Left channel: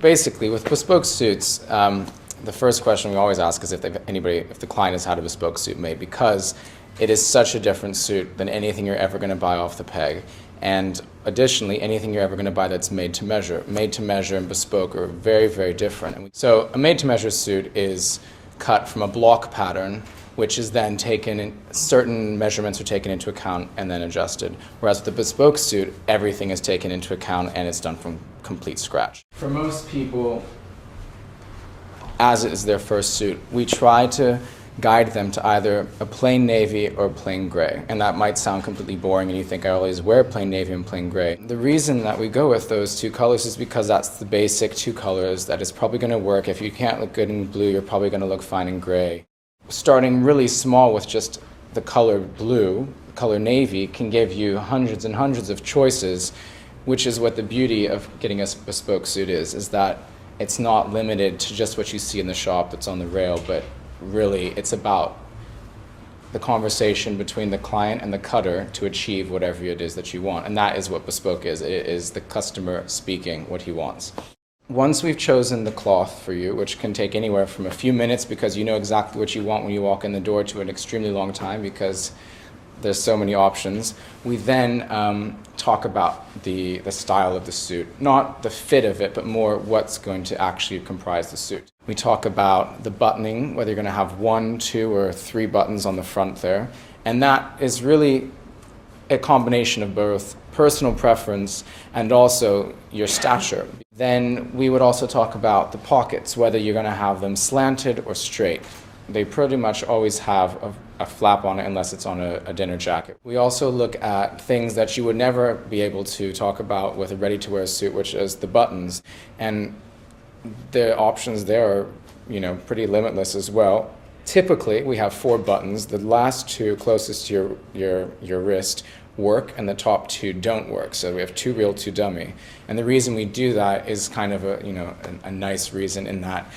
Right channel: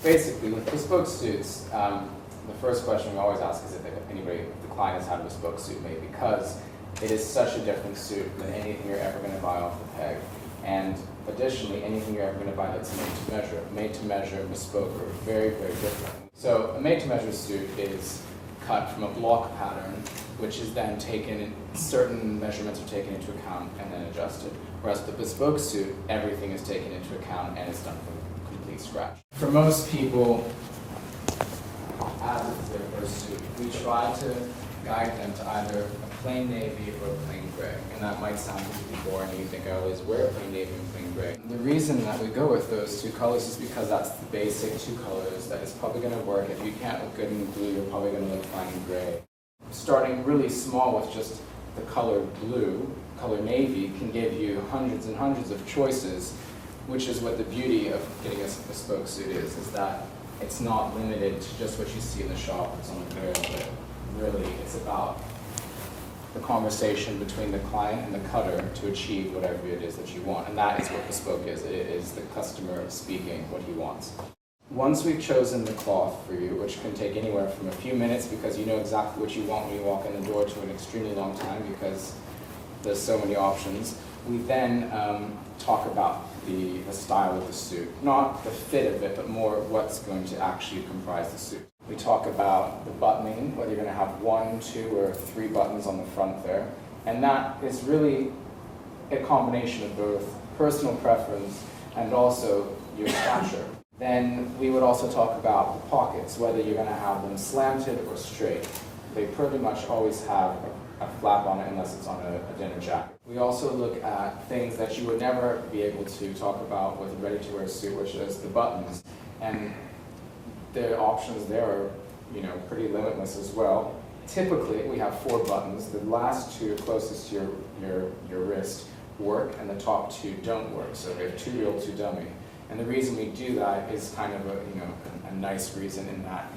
Basically, with bespoke suits, the first question we always ask is if the client has had a bespoke suit made, because it is such a different suit than anything you're ever going to buy off the peg. And additionally, anything you're ever going to buy that's made to measure and bespoke are very, very different. So a made-to-measure suit is cut from a block pattern, which is then taken, certain measurements are taken into account and then adjusted. Whereas with the bespoke suit, everything is taken into account and it's done from complete scratch. For most people, as it is their first suit, we try to guide them to either a plain navy or a plain gray. And that might sound completely boring and you think I always wear plain navy and plain gray. The reason that we go with those two colors is because that's the basic two colors that is probably going to work. If you can't look good in blue, you're probably going to look fine in gray. Starting really small with just the color blue, color navy, can give you hundreds and hundreds of choices, which is what the beauty of getting a bespoke suit is that it's not limited to just what you see in the shop that's on the rail, but really it's about the conversation between the client and the cutter to achieve whatever it is that you want. And that is what bespoke is. It is the customer speaking what he wants. Once we've chosen the cloth for you, which can take anywhere from a few minutes because you know exactly what you want when you walk in the door, to an extremely long time because there's so many options, we then talk about the style of the suit. Not the fit of it, but more what's going to actually comprise the suit. We talk about the buttoning, whether you're going to have 1, 2, or 3 buttons on the front there. And that is really a combination of both personal preference and also your stature. Then we would also talk about the pockets, whether you're going to have them slanted or straight. They pretty much always have a flap on it unless it's on a dinner jacket. We also look at things that you would never be able to talk about with a ready-to-wear suit, which is the buttons. And the options there are, pretty limitless as well. Typically, we have 4 buttons. The last 2 closest to your wrist work, and the top 2 don't work. So we have 2 real, 2 dummy. And the reason we do that is kind of a nice reason, in that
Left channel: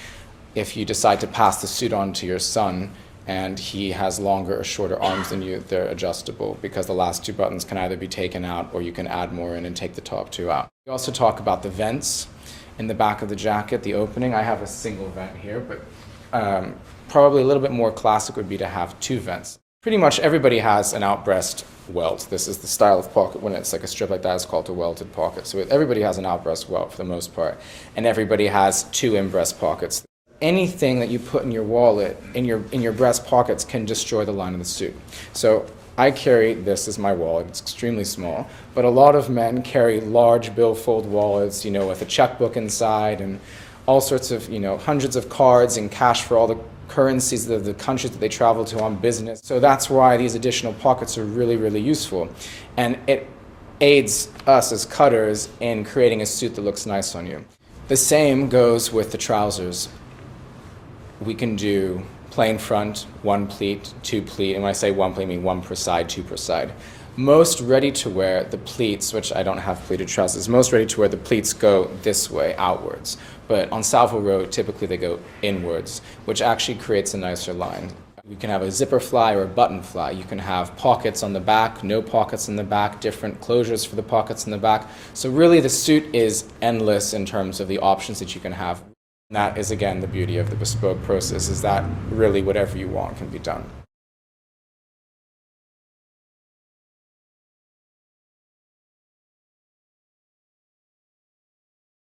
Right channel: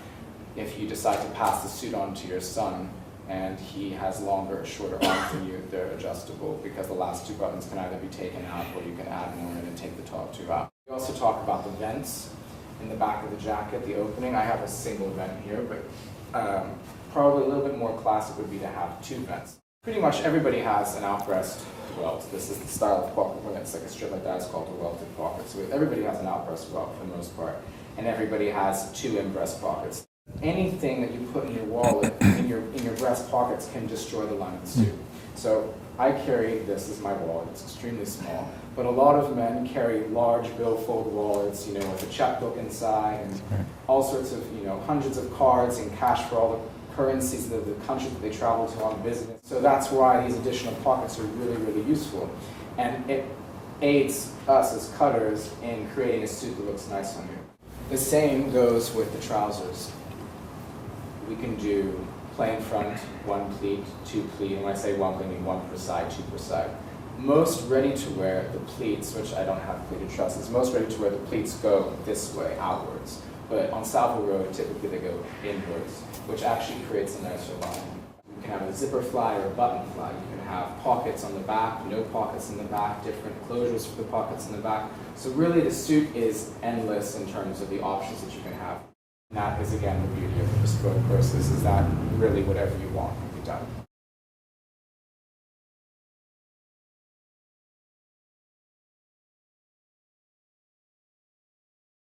if you decide to pass the suit on to your son and he has longer or shorter arms than you, they're adjustable, because the last 2 buttons can either be taken out or you can add more in and take the top 2 out. We also talk about the vents in the back of the jacket, the opening. I have a single vent here, but probably a little bit more classic would be to have 2 vents. Pretty much everybody has an outbreast welt. This is the style of pocket. When it's like a strip like that, it's called a welted pocket. So everybody has an outbreast welt for the most part, and everybody has 2 in-breast pockets. Anything that you put in your wallet, in your breast pockets, can destroy the line of the suit. So I carry this as my wallet. It's extremely small, but a lot of men carry large billfold wallets, with a checkbook inside and all sorts of, hundreds of cards and cash for all the currencies of the countries that they travel to on business. So that's why these additional pockets are really, really useful. And it aids us as cutters in creating a suit that looks nice on you. The same goes with the trousers. We can do plain front, 1 pleat, 2 pleat, and when I say 1 pleat, I mean 1 per side, 2 per side. Most ready-to-wear, the pleats, which I don't have pleated trousers, most ready-to-wear, the pleats go this way, outwards. But on Savile Row, typically they go inwards, which actually creates a nicer line. You can have a zipper fly or a button fly. You can have pockets on the back, no pockets in the back, different closures for the pockets in the back. So really the suit is endless in terms of the options that you can have. And that is, again, the beauty of the bespoke process, is that really whatever you want can be done.